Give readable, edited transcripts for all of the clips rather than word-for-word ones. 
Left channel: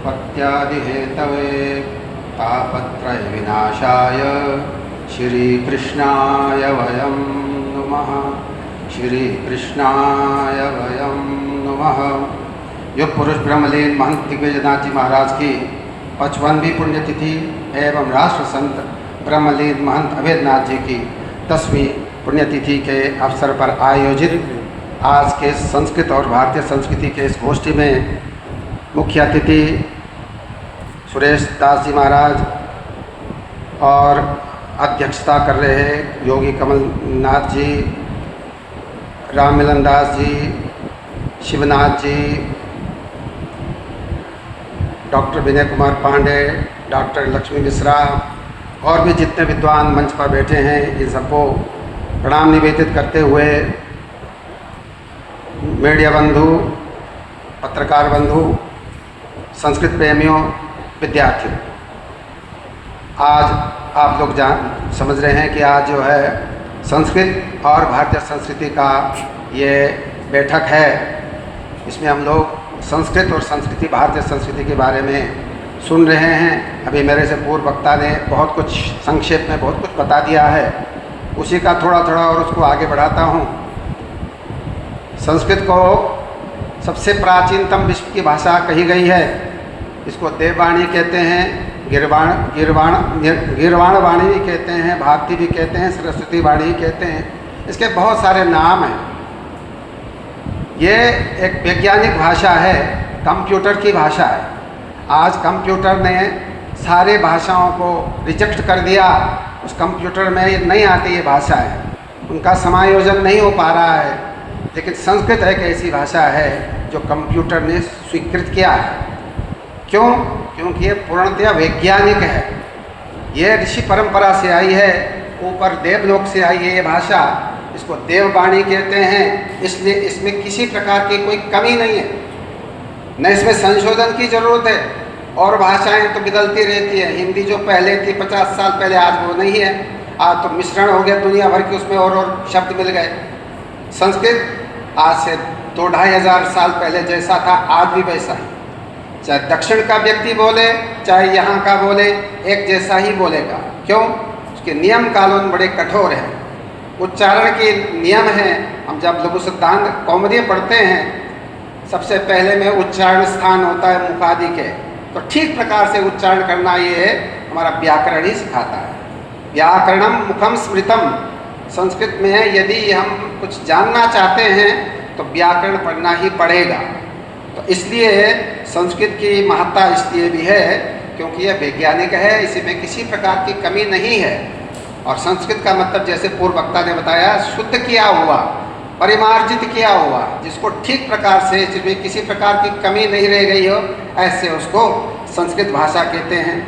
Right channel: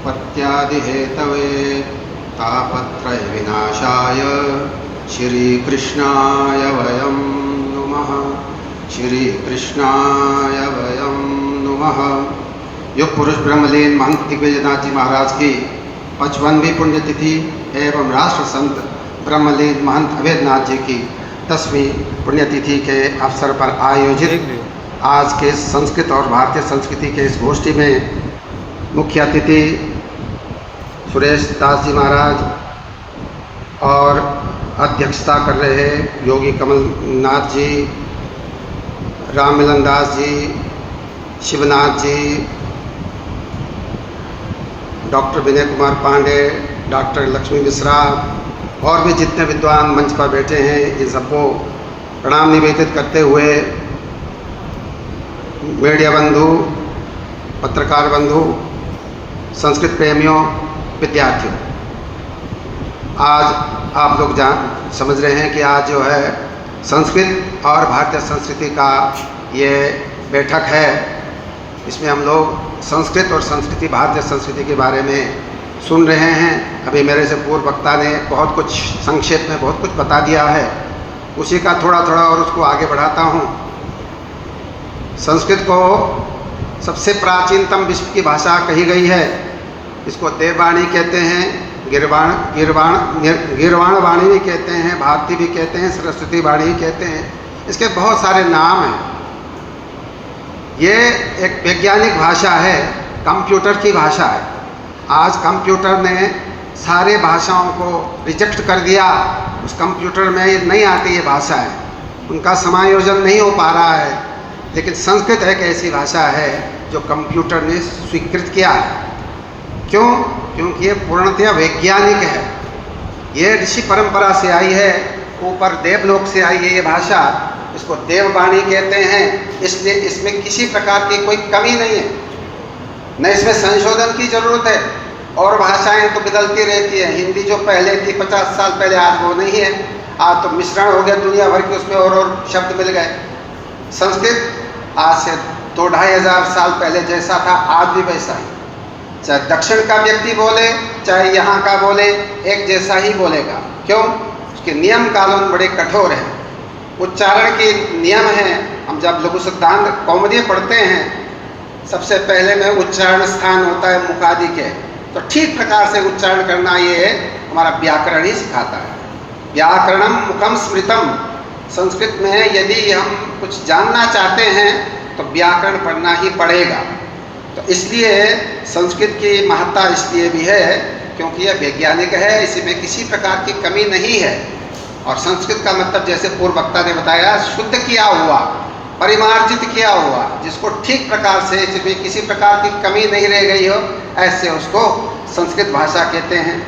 उत्पत्त्यादिहेतवे तापत्रयविनाशाय श्रीकृष्णाय वयं नुमः। श्रीकृष्णाय वयं नुमः। युग पुरुष ब्रह्मलीन महंत दिग्विजयनाथ जी महाराज की 55वीं पुण्यतिथि एवं राष्ट्र संत ब्रह्मलीन महंत अभेद्यनाथ जी की 10वीं पुण्यतिथि के अवसर पर आयोजित आज के संस्कृत और भारतीय संस्कृति के इस गोष्ठी में मुख्य अतिथि सुरेश दास जी महाराज और अध्यक्षता कर रहे हैं योगी कमलनाथ जी, राम मिलन दास जी, शिवनाथ जी, डॉक्टर विनय कुमार पांडे, डॉक्टर लक्ष्मी मिश्रा और भी जितने विद्वान मंच पर बैठे हैं इन सबको प्रणाम निवेदित करते हुए मीडिया बंधु, पत्रकार बंधु, संस्कृत प्रेमियों, विद्यार्थियों, आज आप लोग समझ रहे हैं कि आज जो है संस्कृत और भारतीय संस्कृति का ये बैठक है। इसमें हम लोग संस्कृत और संस्कृति, भारतीय संस्कृति के बारे में सुन रहे हैं। अभी मेरे से पूर्व वक्ता ने बहुत कुछ संक्षेप में बहुत कुछ बता दिया है, उसी का थोड़ा थोड़ा और उसको आगे बढ़ाता हूँ। संस्कृत को सबसे प्राचीनतम विश्व की भाषा कही गई है। इसको देववाणी कहते हैं, गिरवाण वाणी भी कहते हैं, भारती भी कहते हैं, सरस्वती वाणी भी कहते हैं। इसके बहुत सारे नाम हैं। ये एक वैज्ञानिक भाषा है, कंप्यूटर की भाषा है। आज कंप्यूटर ने सारे भाषाओं को रिजेक्ट कर दिया। उस कंप्यूटर में ये नहीं आती ये भाषाएं, उनका समायोजन नहीं हो पा रहा है। लेकिन संस्कृत एक ऐसी भाषा है जो कंप्यूटर ने स्वीकृत किया है। क्यों? क्योंकि ये पूर्णतया वैज्ञानिक है। ये ऋषि परंपरा से आई है, ऊपर देवलोक से आई है ये भाषा। इसको देववाणी कहते हैं, इसलिए इसमें किसी प्रकार की कोई कमी नहीं है, न इसमें संशोधन की जरूरत है। और भाषाएं तो बदलती रहती है। हिंदी जो पहले थी 50 साल पहले, आज वो नहीं है। आज तो मिश्रण हो गया दुनिया भर के, उसमें और शब्द मिल गए। संस्कृत आज से 2-2.5 हज़ार साल पहले जैसा था आज भी वैसा ही। चाहे दक्षिण का व्यक्ति बोले चाहे यहाँ का बोले, एक जैसा ही बोलेगा। क्यों? उसके नियम कानून बड़े कठोर हैं, उच्चारण के नियम हैं। हम जब लघु सिद्धांत कौमुदी पढ़ते हैं, सबसे पहले में उच्चारण स्थान होता है मुखादि के, तो ठीक प्रकार से उच्चारण करना ये हमारा व्याकरण ही सिखाता है। व्याकरणम मुखम स्मृतम। संस्कृत में यदि हम कुछ जानना चाहते हैं तो व्याकरण पढ़ना ही पड़ेगा। तो इसलिए संस्कृत की महत्ता इसलिए भी है क्योंकि यह वैज्ञानिक है, इसी में किसी प्रकार की कमी नहीं है। और संस्कृत का मतलब जैसे पूर्व वक्ता ने बताया, शुद्ध किया हुआ, परिमार्जित किया हुआ, जिसको ठीक प्रकार से, इसमें किसी प्रकार की कमी नहीं रह गई हो, ऐसे उसको संस्कृत भाषा कहते हैं।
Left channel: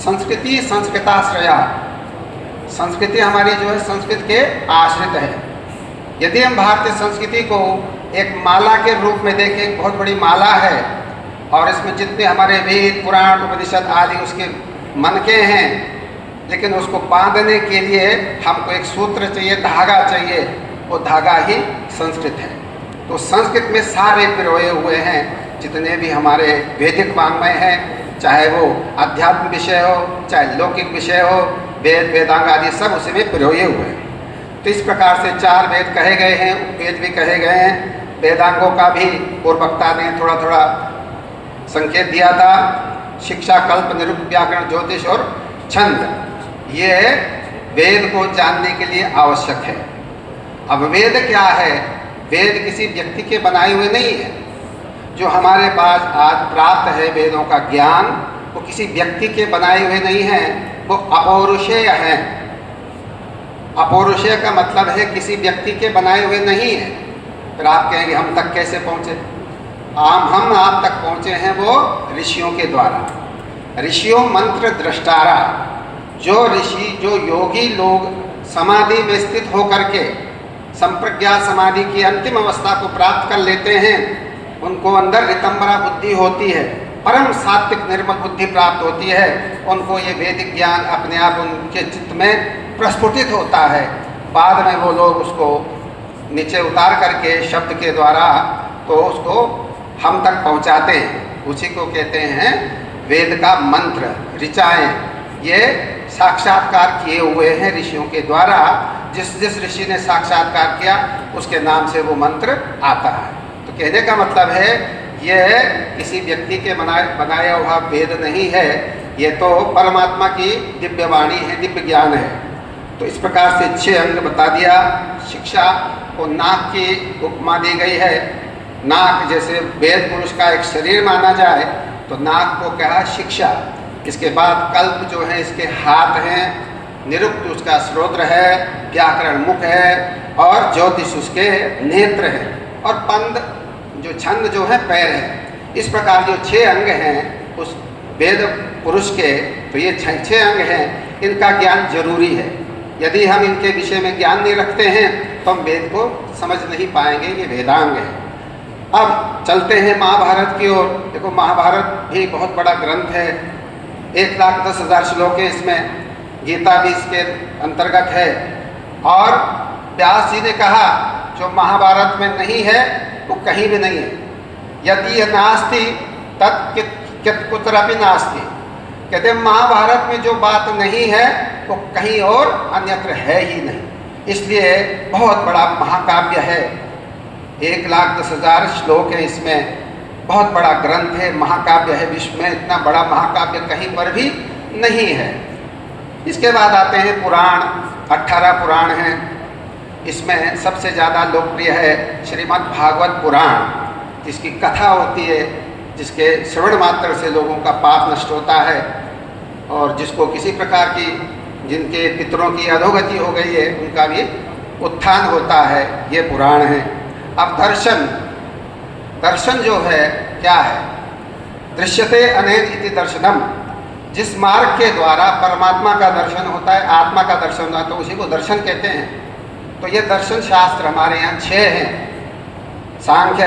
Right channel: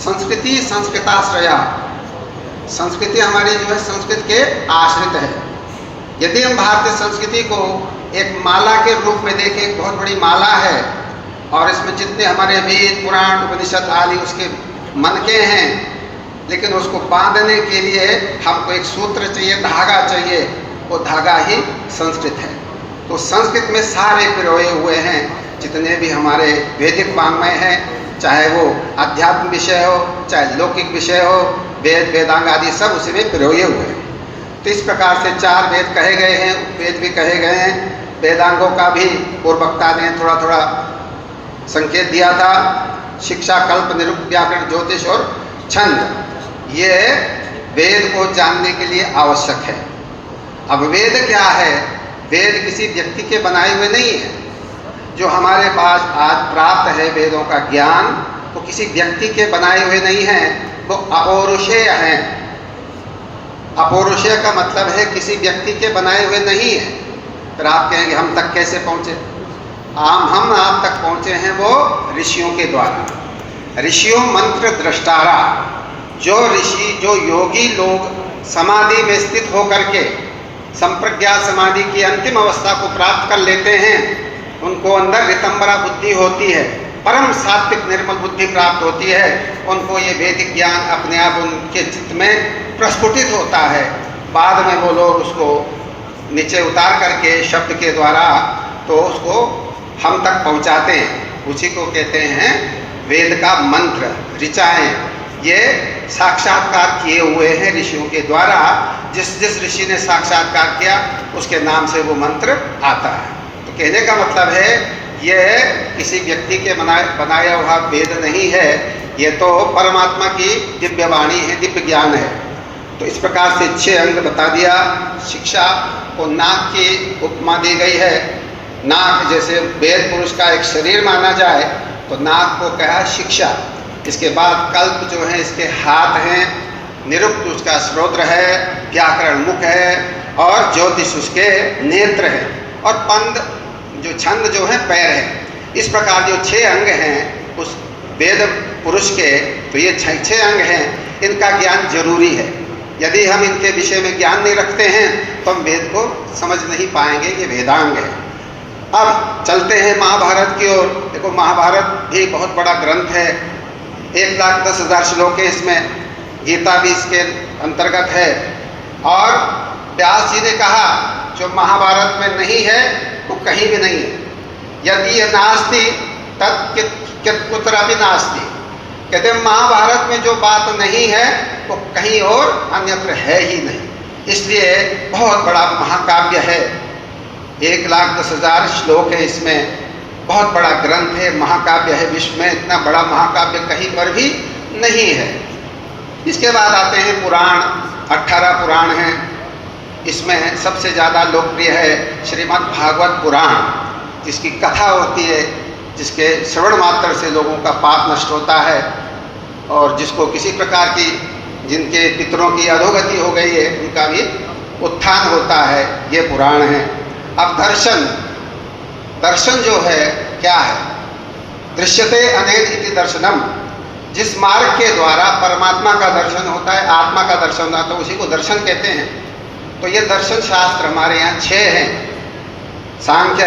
संस्कृति संस्कृताश्रया। संस्कृति हमारी जो है संस्कृत के आश्रित है। यदि हम भारतीय संस्कृति को एक माला के रूप में देखें, एक बहुत बड़ी माला है और इसमें जितने हमारे वेद, पुराण, उपनिषद आदि उसके मनके हैं, लेकिन उसको बांधने के लिए हमको एक सूत्र चाहिए, धागा चाहिए। वो धागा ही संस्कृत है। तो संस्कृत में सारे पिरोए हुए हैं जितने भी हमारे वैदिक वाङ्मय हैं, चाहे वो आध्यात्मिक विषय हो, चाहे लौकिक विषय हो, वेद, वेदांग आदि सब उसी में पिरोए हुए हैं। तो इस प्रकार से 4 वेद कहे गए हैं, उपवेद भी कहे गए हैं। वेदांगों का भी पूर्व वक्ता ने थोड़ा थोड़ा संकेत दिया था। शिक्षा, कल्प, निरुक्त, व्याकरण, ज्योतिष और छंद, ये वेद को जानने के लिए आवश्यक है। अब वेद क्या है? वेद किसी व्यक्ति के बनाए हुए नहीं है। जो हमारे पास आज प्राप्त है वेदों का ज्ञान, वो किसी व्यक्ति के बनाए हुए नहीं हैं, वो अपौरुषेय हैं। अपौरुषेय का मतलब है किसी व्यक्ति के बनाए हुए नहीं है। फिर आप कहेंगे हम तक कैसे पहुँचे? हम आप तक पहुँचे हैं वो ऋषियों के द्वारा। ऋषियों मंत्र दृष्टारा। जो ऋषि, जो योगी लोग समाधि में स्थित होकर के संप्रज्ञात समाधि की अंतिम अवस्था को प्राप्त कर लेते हैं, उनको अंदर ऋतंबरा बुद्धि होती है, परम सात्विक निर्मल बुद्धि प्राप्त होती है। उनको ये वैदिक ज्ञान अपने आप उनके चित्त में प्रस्फुटित होता है। बाद में वो लोग उसको नीचे उतार करके शब्द के द्वारा तो उसको हम तक पहुंचाते हैं। उसी को कहते हैं वेद का मंत्र, ऋचाएँ। ये साक्षात्कार किए हुए हैं ऋषियों के द्वारा। जिस जिस ऋषि ने साक्षात्कार किया उसके नाम से वो मंत्र आता है। तो कहने का मतलब है ये किसी व्यक्ति के बनाया हुआ वेद नहीं है, ये तो परमात्मा की दिव्य वाणी है, दिव्य ज्ञान है। तो इस प्रकार से 6 अंग बता दिया। शिक्षा को नाक की उपमा दी गई है। नाक जैसे वेद पुरुष का एक शरीर माना जाए तो नाक को कहा शिक्षा। इसके बाद कल्प जो है इसके हाथ हैं, निरुक्त उसका श्रोत्र है, व्याकरण मुख है और ज्योतिष उसके नेत्र हैं, और पंद जो छंद जो है पैर है। इस प्रकार जो 6 अंग हैं उस वेद पुरुष के, तो ये 6 अंग हैं, इनका ज्ञान जरूरी है। यदि हम इनके विषय में ज्ञान नहीं रखते हैं तो हम वेद को समझ नहीं पाएंगे। ये वेदांग है। अब चलते हैं महाभारत की ओर। देखो महाभारत भी बहुत बड़ा ग्रंथ है, 1,10,000 श्लोक है इसमें, गीता भी इसके अंतर्गत है। और व्यास जी ने कहा जो महाभारत में नहीं है वो कहीं भी नहीं है। यदि यह नास्ति तत् कुत्रापि नास्ति। कहते हैं महाभारत में जो बात नहीं है वो कहीं और अन्यत्र है ही नहीं। इसलिए बहुत बड़ा महाकाव्य है, 1,10,000 श्लोक है इसमें, बहुत बड़ा ग्रंथ है, महाकाव्य है। विश्व में इतना बड़ा महाकाव्य कहीं पर भी नहीं है। इसके बाद आते हैं पुराण, 18 पुराण हैं। इसमें सबसे ज़्यादा लोकप्रिय है श्रीमद् भागवत पुराण, जिसकी कथा होती है, जिसके श्रवण मात्र से लोगों का पाप नष्ट होता है और जिसको किसी प्रकार की, जिनके पितरों की अधोगति हो गई है उनका भी उत्थान होता है। ये पुराण है। अब दर्शन, दर्शन जो है क्या है? दृश्यते अनेन इति दर्शनम। जिस मार्ग के द्वारा परमात्मा का दर्शन होता है, आत्मा का दर्शन होता है, तो उसी को दर्शन कहते हैं। तो ये दर्शन शास्त्र हमारे यहाँ 6 हैं। सांख्य